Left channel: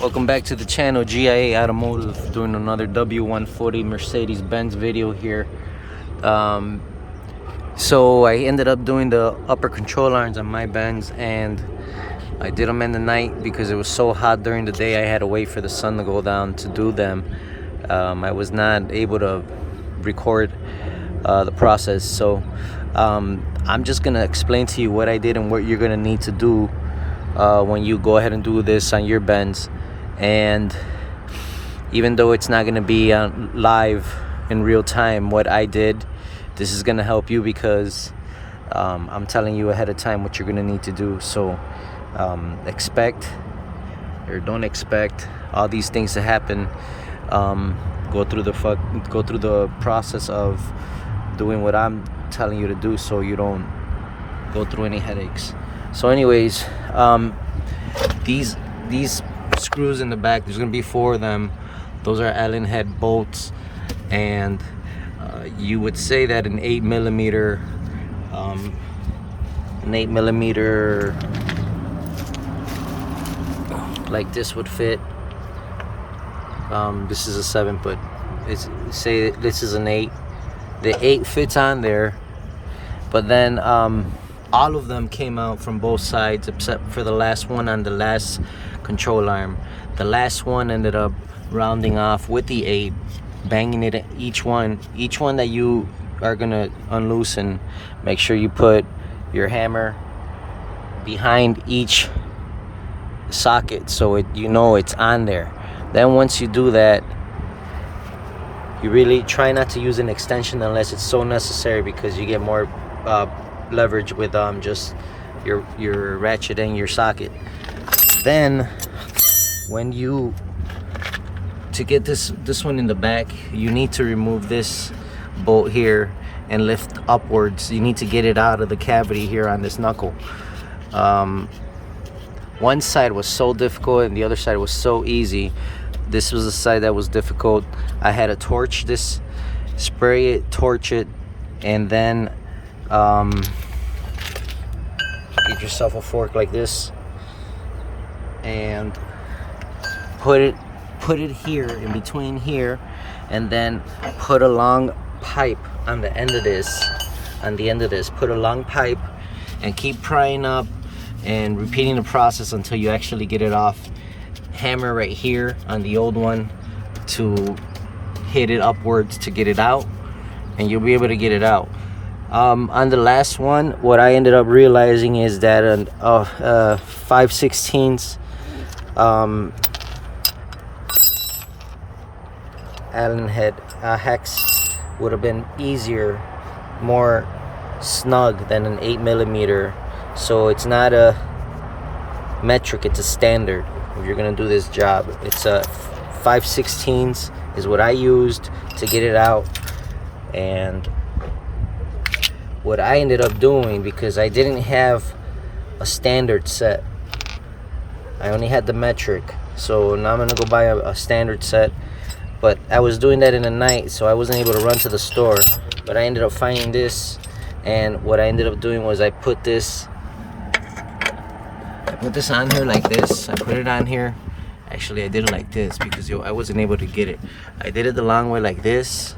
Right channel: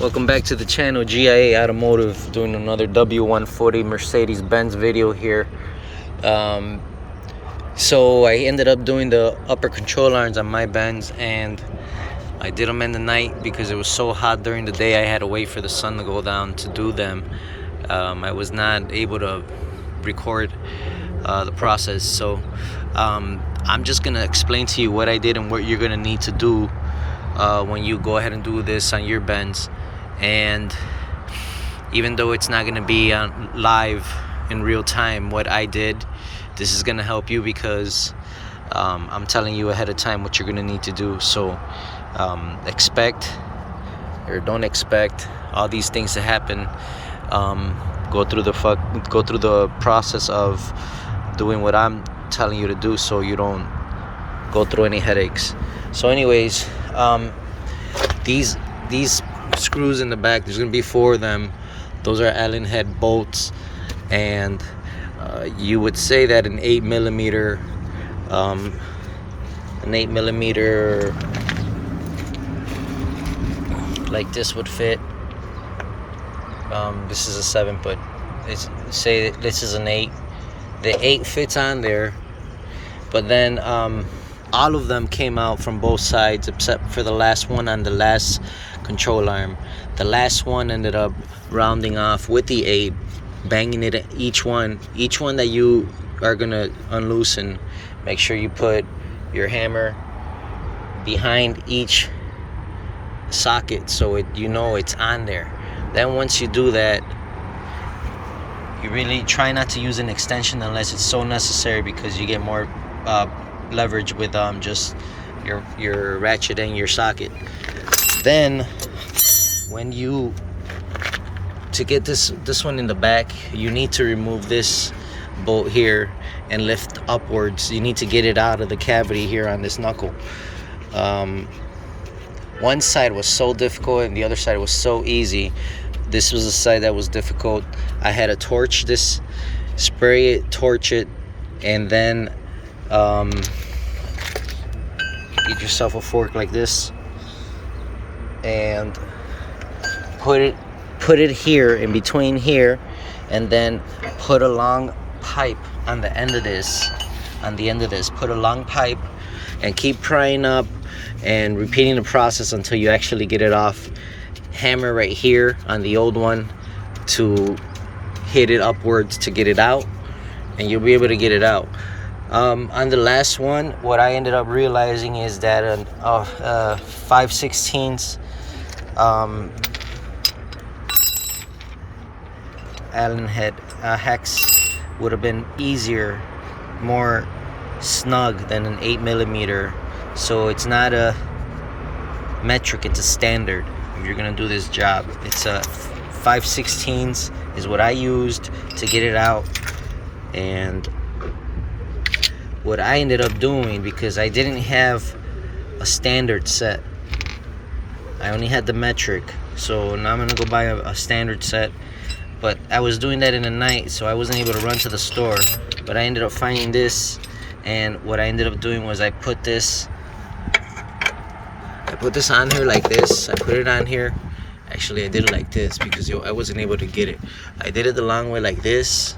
Welcome back to the channel. G.I.A Automotive doing another W140 Mercedes-Benz video here. So I ended up doing the upper control arms on my Benz, and I did them in the night because it was so hot during the day. I had to wait for the sun to go down to do them. I was not able to record the process, so I'm just gonna explain to you what I did and what you're gonna need to do when you go ahead and do this on your Benz. And even though it's not going to be live in real time what I did, this is going to help you because I'm telling you ahead of time what you're going to need to do. So expect or don't expect all these things to happen. Go through the process of doing what I'm telling you to do so you don't go through any headaches. So anyways, these screws in the back, there's gonna be 4 of them. Those are Allen head bolts, and you would say that an 8mm like this would fit. This is a 7, but say this is an 8. The 8 fits on there, but then all of them came out from both sides except for the last one on the last control arm. The last one ended up rounding off with the 8, banging it at each one that you are gonna unloosen. Make sure you put your hammer behind each socket so it's on there. Then once you do that, you really try not to use an extension unless it's so necessary, because you get more leverage with just your ratchet and your socket. Then to get this one in the back, you need to remove this bolt here and lift upwards. You need to get it out of the cavity here on this knuckle. One side was so difficult and the other side was so easy. This was the side that was difficult. I had to torch this, spray it, torch it, and then get yourself a fork like this and put it here in between here, and then put a long pipe on the end of this. Put a long pipe and keep prying up and repeating the process until you actually get it off. Hammer right here on the old one to hit it upwards to get it out, and you'll be able to get it out. On the last one, what I ended up realizing is that a 5/16 Allen head hex would have been easier, more snug than an 8mm. So it's not a metric, it's a standard. If you're gonna do this job, it's a 5/16 is what I used to get it out. And what I ended up doing, because I didn't have a standard set, I only had the metric, so now I'm gonna go buy a standard set. But I was doing that in the night, so I wasn't able to run to the store. But I ended up finding this, and what I ended up doing was I put this on here like this. I put it on here. Actually, I did it like this because I wasn't able to get it. I did it the long way like this.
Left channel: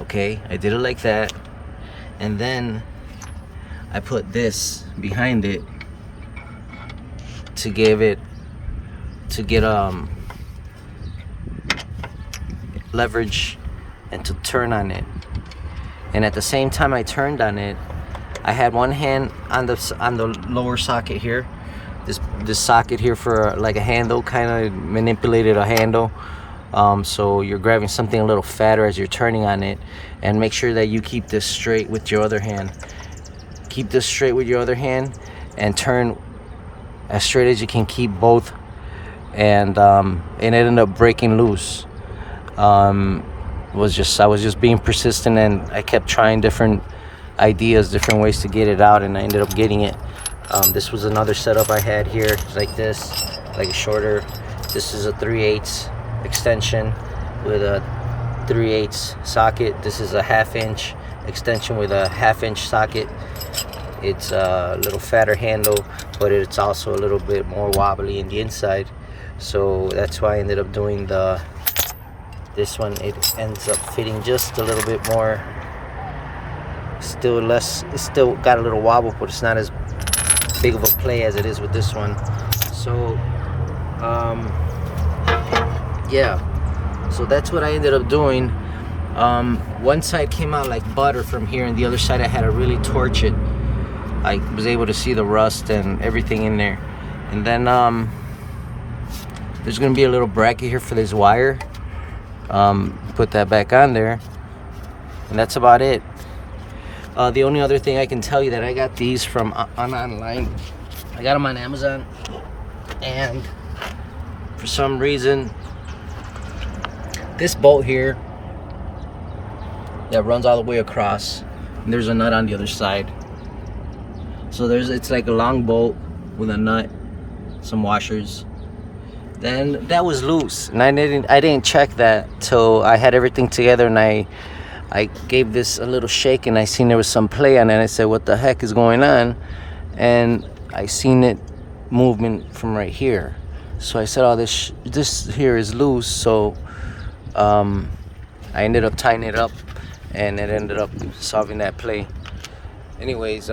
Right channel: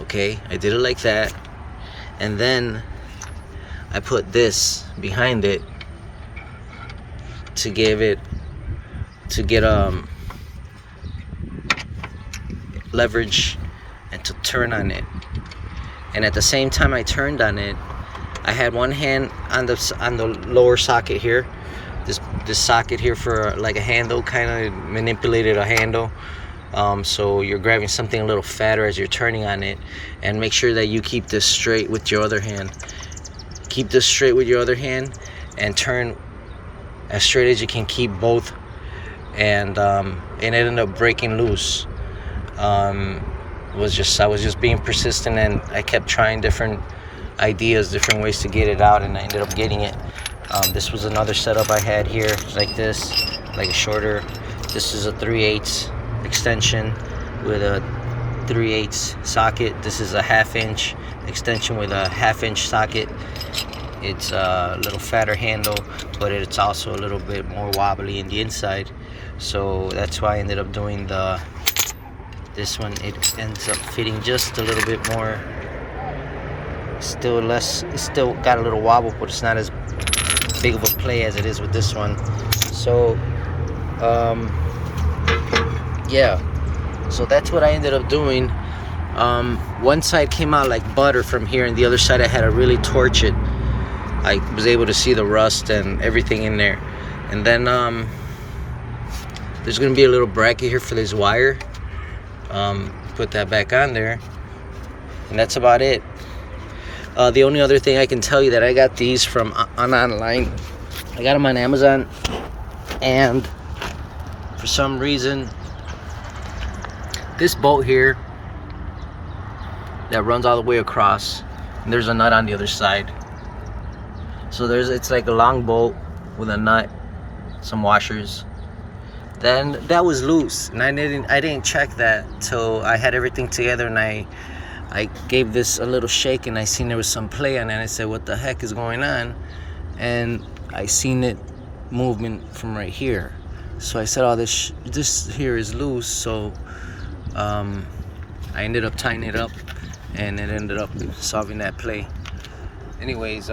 Okay, I did it like that. And then I put this behind it to get leverage and to turn on it. And at the same time I turned on it, I had one hand on the lower socket here, this socket here for like a handle, kind of manipulated a handle. So you're grabbing something a little fatter as you're turning on it, and make sure that you keep this straight with your other hand. Keep this straight with your other hand and turn as straight as you can. Keep both, and it ended up breaking loose. I was just being persistent, and I kept trying different ideas, different ways to get it out, and I ended up getting it. This was another setup I had here, like this, like a shorter. This is a 3/8 extension with a 3/8 socket. This is a 1/2 inch extension with a 1/2 inch socket. It's a little fatter handle, but it's also a little bit more wobbly in the inside. So that's why I ended up doing this one. It ends up fitting just a little bit more. Still less, it's still got a little wobble, but it's not as big of a play as it is with this one. So yeah, so that's what I ended up doing. One side came out like butter from here, and the other side I had to really torch it. I was able to see the rust and everything in there. And then there's gonna be a little bracket here for this wire. Put that back on there, and that's about it. The only other thing I can tell you that I got these from online. I got them on Amazon, and for some reason this bolt here that runs all the way across, and there's a nut on the other side. So it's like a long bolt with a nut, some washers. Then that was loose, and I didn't check that till I had everything together, and I gave this a little shake, and I seen there was some play on it, and I said, what the heck is going on? And I seen it movement from right here. So I said, oh, this here is loose. So I ended up tightening it up, and it ended up solving that play. Anyways,